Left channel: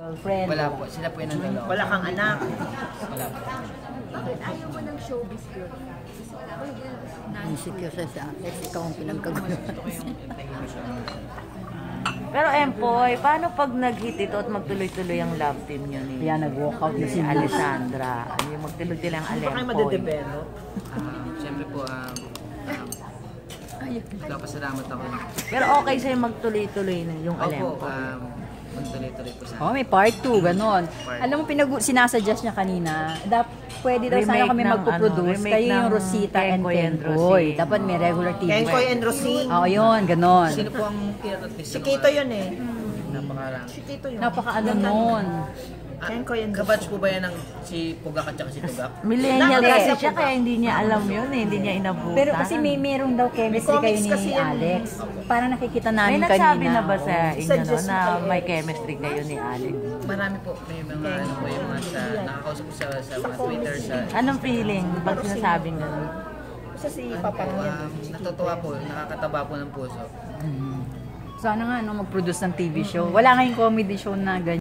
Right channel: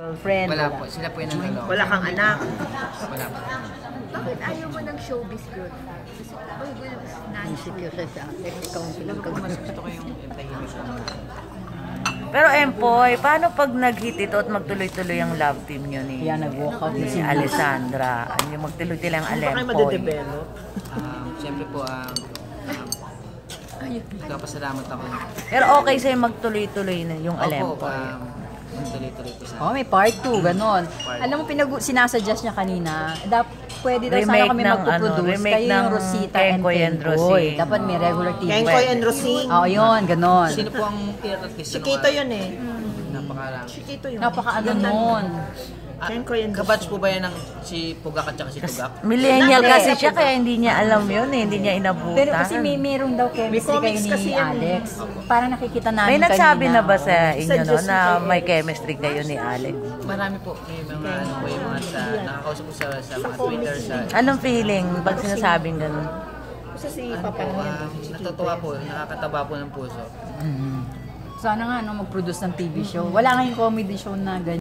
Girlfriend? Wala po, sila po yung nandalo. Wala kang anak? Wala po. Bakit ayaw mo ng showbiz girl? Insecure siya. Ikaw ang Siguro po mas gusto ko yung tahimik lang na. Pero Empoy, paano pag nag-hit ito at magtuloy-tuloy ang love team nyo ni Kaya nag-walkout ni si Alessandra? Yung magtuloy-tuloy ang Hindi pa kayo Alempoy. madedevelop? Siyempre po, nagpapasalamat ako. Pero okay sa'yo magtuloy-tuloy na yung Opo, Alempoy. magtuloy-tuloy po Oh, sana. may part 2, ganon. Part Alam mo, sinasuggest niya kanina, pwede daw sana Remake kami ng magpo-produce. remake Kayo yung ng Rosita and Kenkoy and Kenkoy. Rosing. Dapat may regular TV. Kenkoy and Rosing? Oo, yun, ganon. Sino po ang artist? Si Kito yun eh. Napakarami. Si Kito yun. Napaka-ano nun. Kenkoy and Kabatch po ba yan ng si Pugak at saka si Tugak? Millennial Bakit? kasi siya kaya hindi niya alam yun eh. Hindi niya inabutan. Pero kasi meron daw chemistry May kayo comics kasi ni yan eh. Alex. Parang nakikita namin May kanina. nagsabi na ba sa inyo no, Suggest na mo kayo. may chemistry kayo ni Alex? Marami po. May mga ano po yung mga sa nakakausap ko sa mga Twitter sa Anong feeling pag sinasabing ganun? Sa si ano Papa po, niya. natutuwa po, nakakataba po ng puso. Sana nga, no, mag-produce ng TV show. Wala ngayong comedy show na ganyan.